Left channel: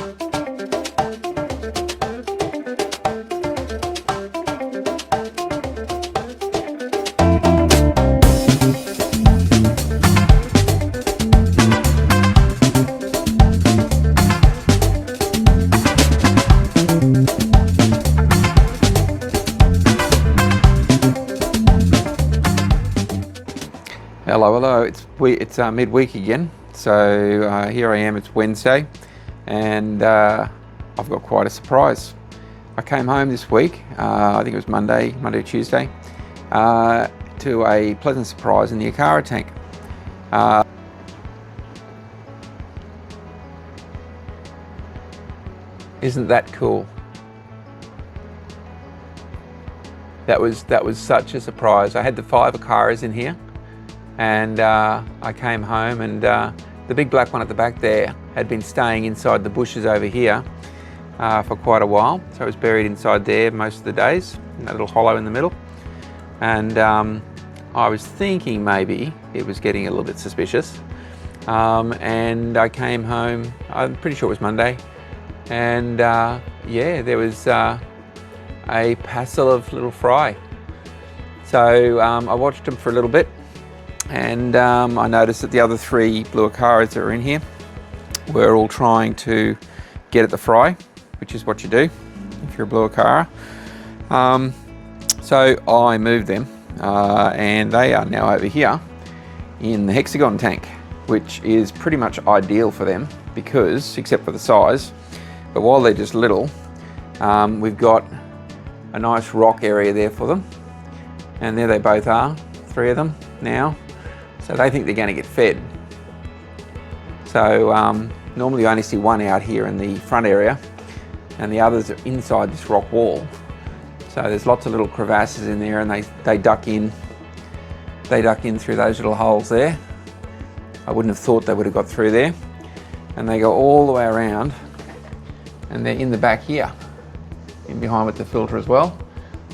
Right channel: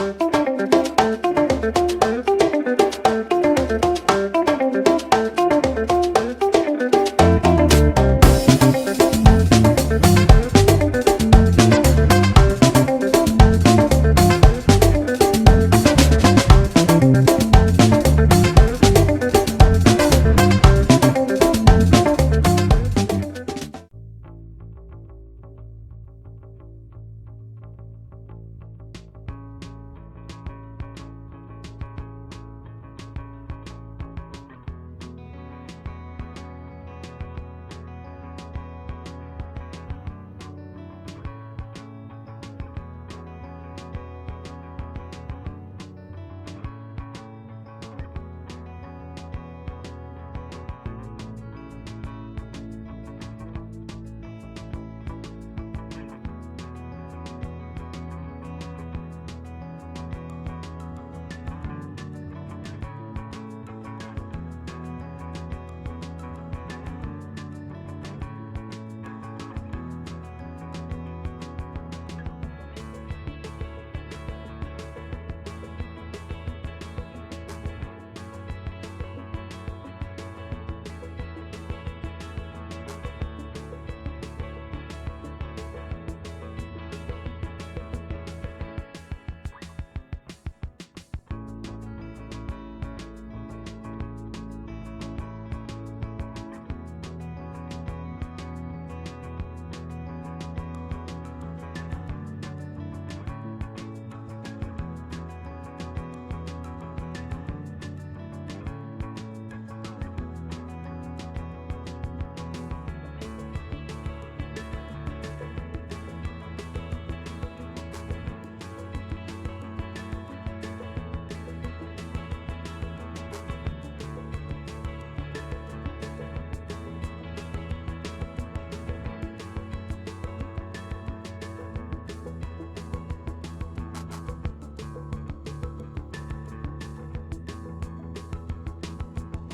Hello, it's midweek again. So here I am, it's Wednesday, and I've got quite a surprise. I came home this week, I think it was Monday or Tuesday, to a pleasant surprise in the Acara tank. Isn't that cool? That was such a surprise. I had the 5 Acaras in here, and I came home, and the big black one at the back there had been staying inside the bushes over here for quite a while. So it was buried inside there most of the days, in that little hollow in the middle. And I was thinking maybe it was getting a little bit suspicious. And I came home, I'm pretty sure it was Monday, and yeah, there was a passel of little fry. So I watched them for a little bit, and I noticed that the other 3 Blue Acaras that are in here were all trying to get at the fry, which is what you do if you're a Blue Acara. So I moved them, and they are now over here in the hexagon tank, which is pretty much ideal for them because, except for the size, but while they're just little, we've got a nice rock area there for them. And there they both are, 3 of them now. So they think they're going to get fed. So normally you only see 1 out here in the front area, and the others are inside this rock wall. So there's lots of little crevasses in there, and they duck in. They duck in through those little holes there. I wouldn't have thought they would have got through there. And they go all the way around, and they're in the back here, in behind with the filter as well.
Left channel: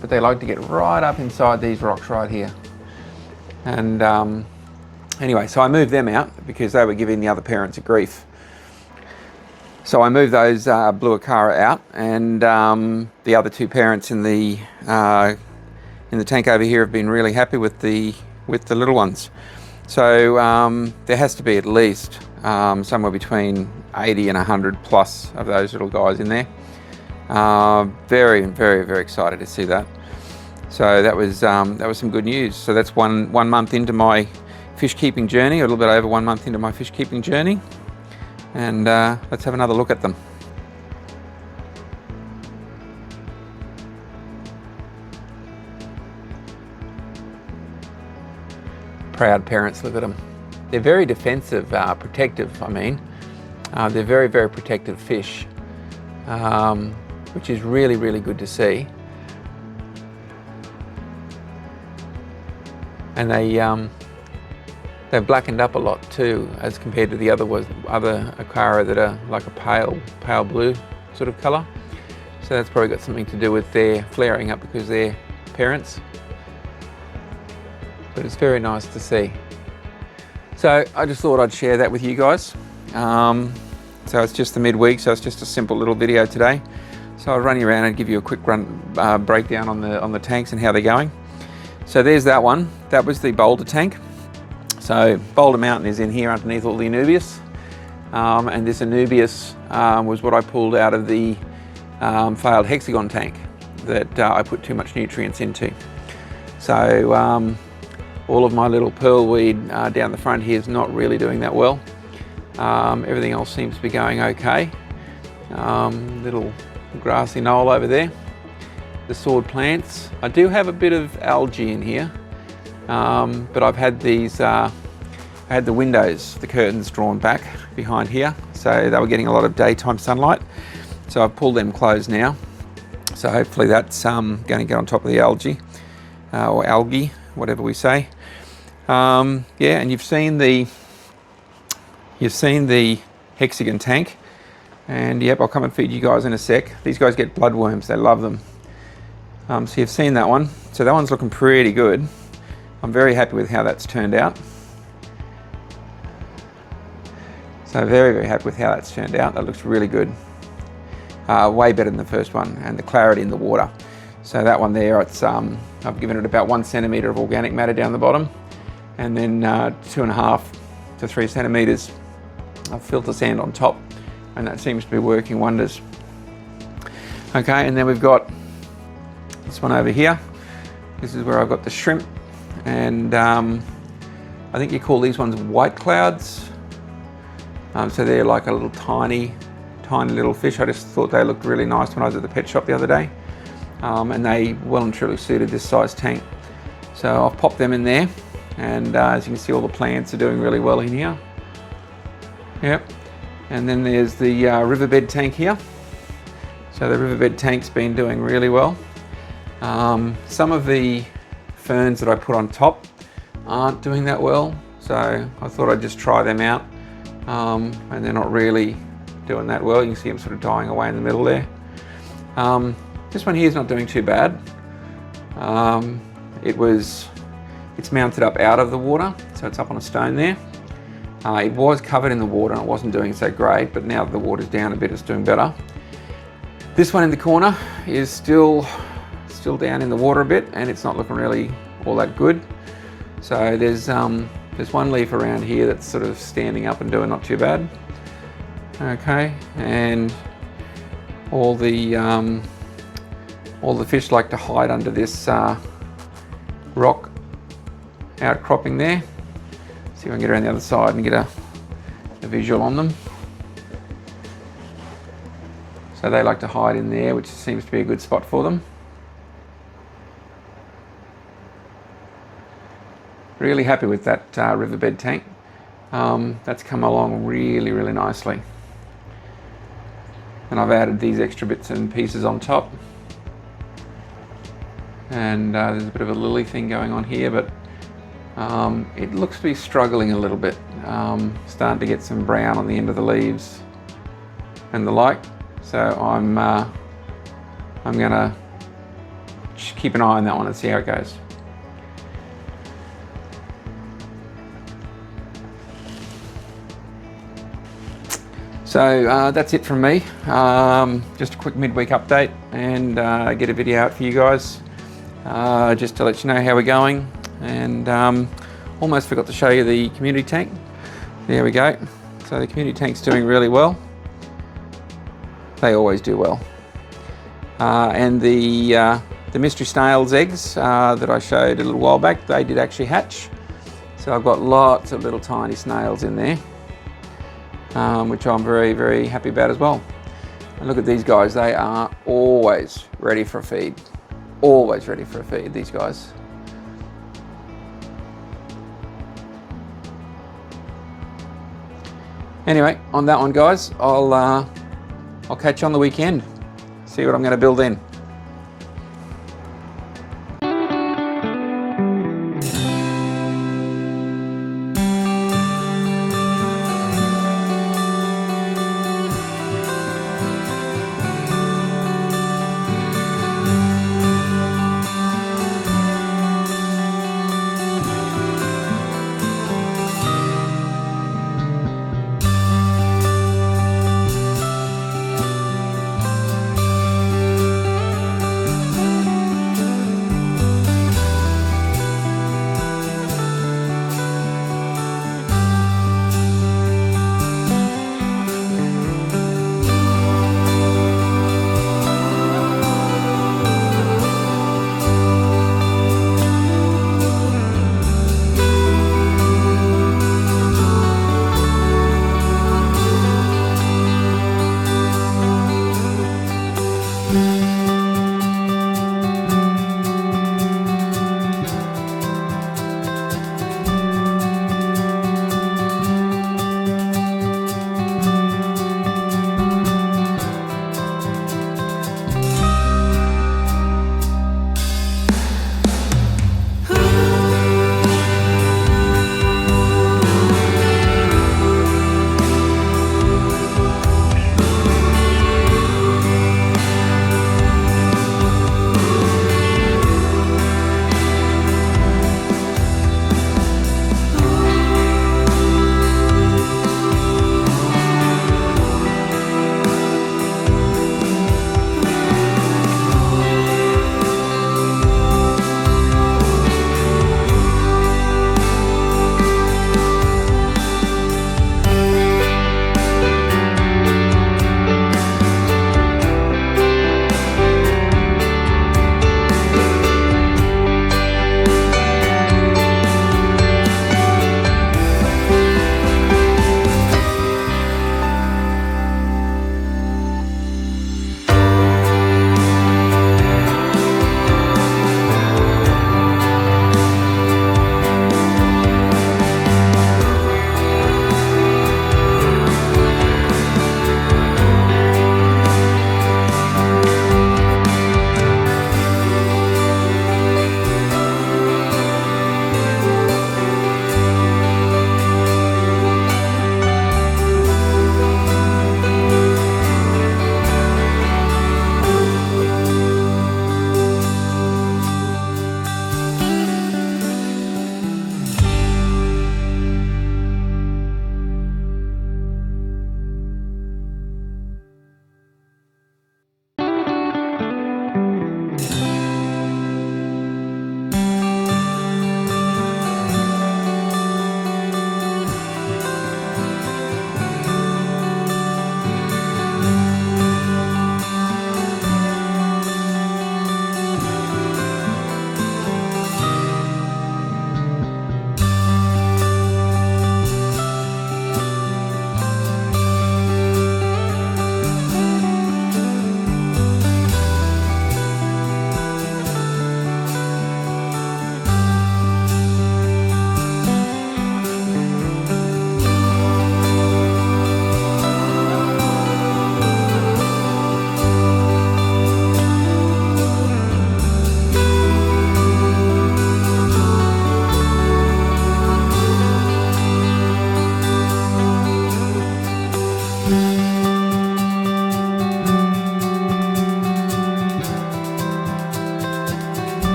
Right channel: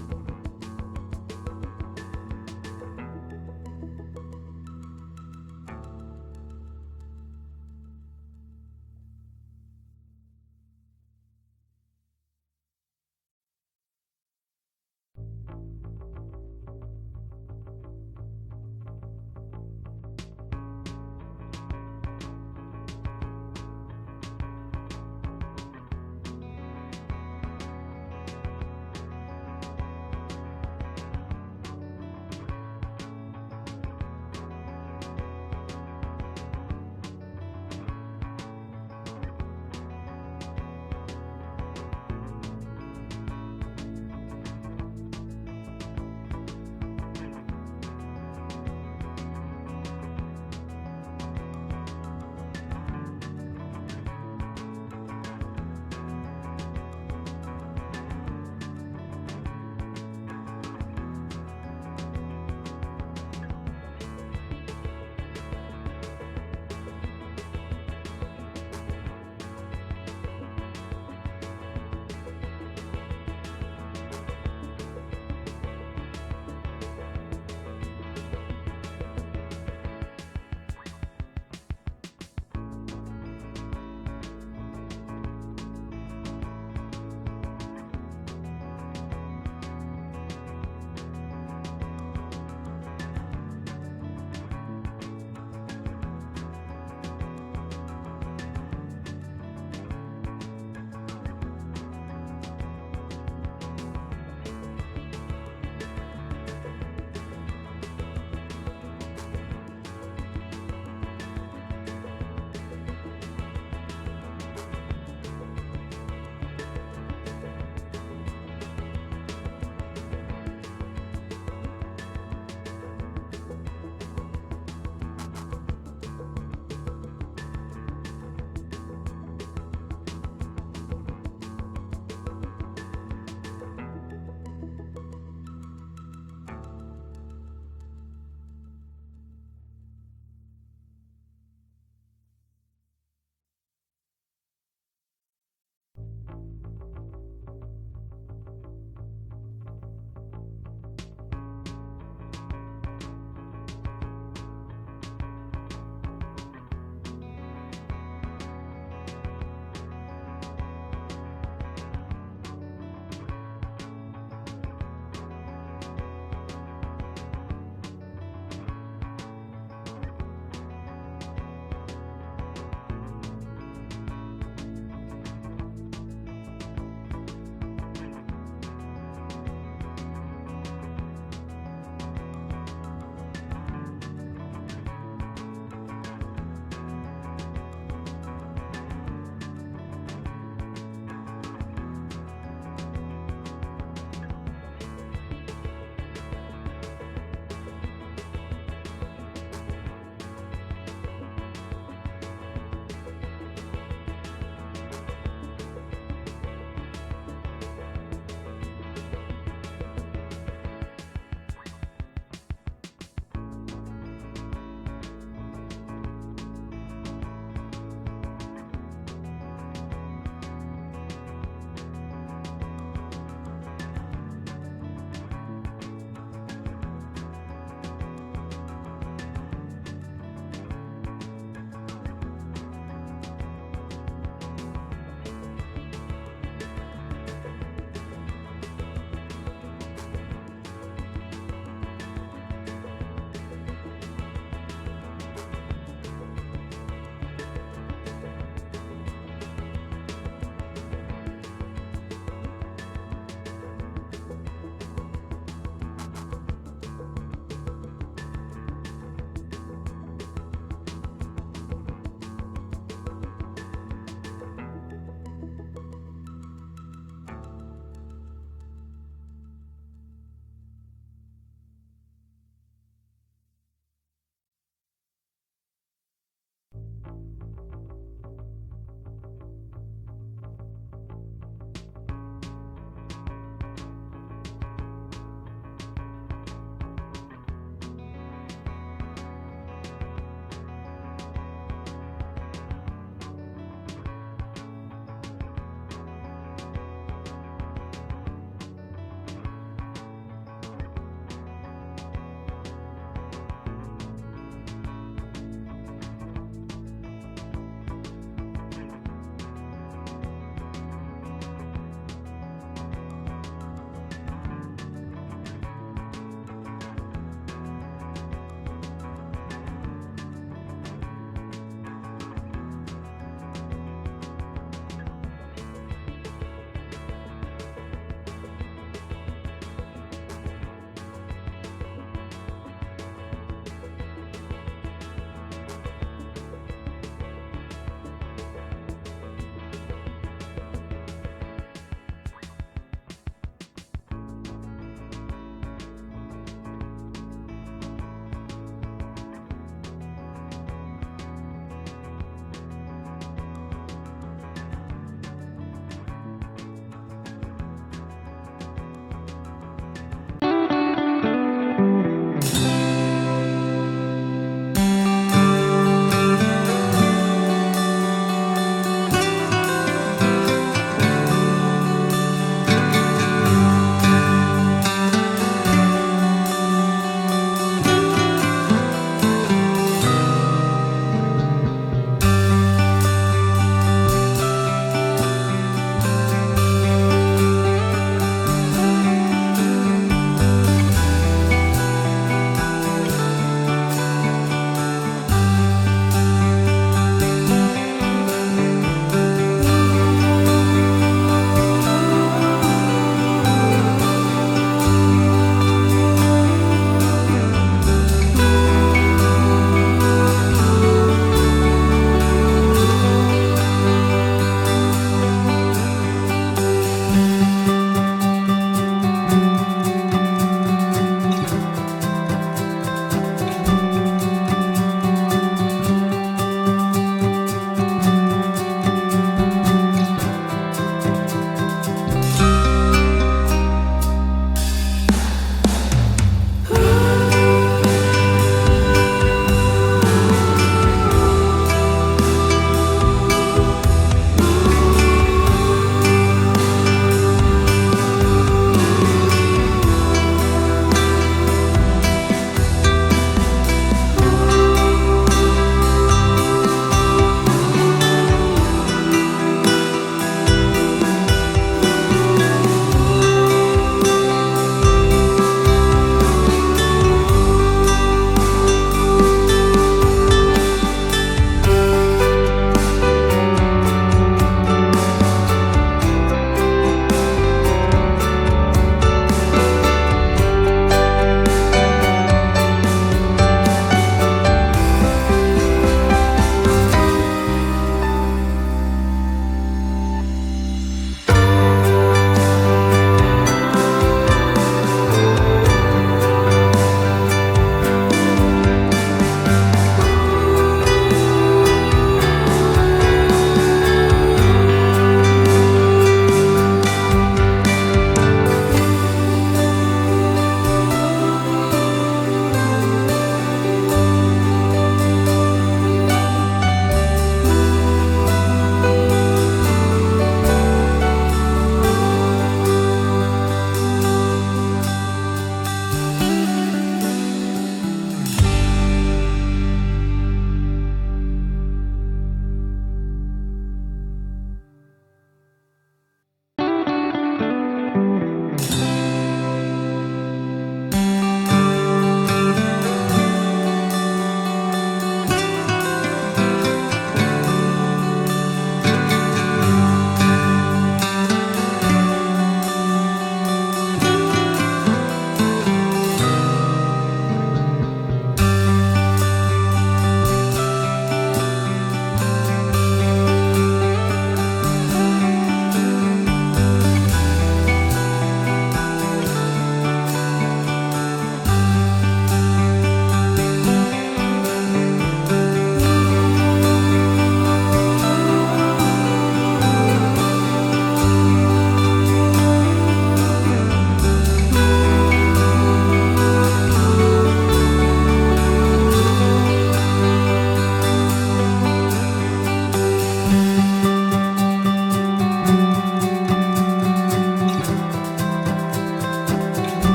But they like to get right up inside these rocks right here. And anyway, so I moved them out because they were giving the other parents a grief. So I moved those Blue Acara out, and the other 2 parents in the tank over here have been really happy with the little ones. So there has to be at least somewhere between 80 and 100 plus of those little guys in there. Very, very, very excited to see that. So that was some good news. So that's one month into my fish keeping journey, a little bit over 1 month into my fish keeping journey. And let's have another look at them. Proud parents, look at them. They're very defensive, protective, I mean. They're very, very protective fish, which is really, really good to see. And they've blackened up a lot too, as compared to the other Acara that are like a pale blue sort of colour. So that's probably got something to do with their flaring up because they're parents. But it's very nice to see. So I just thought I'd share that with you guys. So it's just the midweek, so it's just a simple little video today. So I'll run you around and give you a quick breakdown on the tanks and how they're going. So there's that one. That was the Boulder tank. So Boulder Mountain is in here underneath all the Anubias. And this Anubias was what I pulled out of the failed hexagon tank that I put too much nutrients into. So all of my little pearlweed down the front here is not really doing that well. Everything else seems to be going okay. Little grassy knoll over there. The sword plants. I do have a bit of algae in here, but I've had these, I had the windows, the curtains drawn back behind here, so they were getting a lot of daytime sunlight. So I've pulled them closed now. So hopefully that's going to get on top of the algae, or algae, whatever we say. Yeah, and you've seen the hexagon tank, and yep, I'll come and feed you guys in a sec. These guys get bloodworms, they love them. So you've seen that one. So that one's looking pretty good. I'm very happy with how that's turned out. So very, very happy with how that's turned out. That looks really good. Way better than the first one, and the clarity in the water. So that one there, it's I've given it about 1 centimetre of organic matter down the bottom, and then 2.5 to 3 centimetres of filter sand on top, and that seems to be working wonders. Okay, and then we've got this one over here. This is where I've got the shrimp, and I think you call these ones white clouds. So they're like a little tiny little fish. I just thought they looked really nice when I was at the pet shop the other day, and they well and truly suited this size tank. So I've popped them in there, and as you can see, all the plants are doing really well in here. Yep. And then there's the riverbed tank here. So the riverbed tank's been doing really well. Some of the ferns that I put on top aren't doing that well, so I thought I'd just try them out, and they're not really doing that well. You can see them sort of dying away in the middle there. This one here is not doing too bad. It's mounted up out of the water, so it's up on a stone there. It was covered in the water and it wasn't doing so great, but now that the water's down a bit, it's doing better. This one in the corner is still down in the water a bit, and it's not looking really all that good. So there's one leaf around here that's sort of standing up and doing not too bad. Okay, and all the fish like to hide under this rock outcropping there. See if I can get around the other side and get a visual on them. So they like to hide in there, which seems to be a good spot for them. Really happy with that riverbed tank. That's come along really, really nicely. And I've added these extra bits and pieces on top. And there's a bit of a lily thing going on here, but it looks to be struggling a little bit. Starting to get some brown on the end of the leaves and the like. So I'm gonna keep an eye on that one and see how it goes. So that's it from me. Just a quick midweek update, and get a video out for you guys, just to let you know how we're going. And almost forgot to show you the community tank. There we go. So the community tank's doing really well. They always do well. And the mystery snail's eggs that I showed a little while back, they did actually hatch. So I've got lots of little tiny snails in there. Which I'm very, very happy about as well. And look at these guys, they are always ready for a feed. Always ready for a feed, these guys. Anyway, on that one guys, I'll catch you on the weekend. See what I'm gonna build in.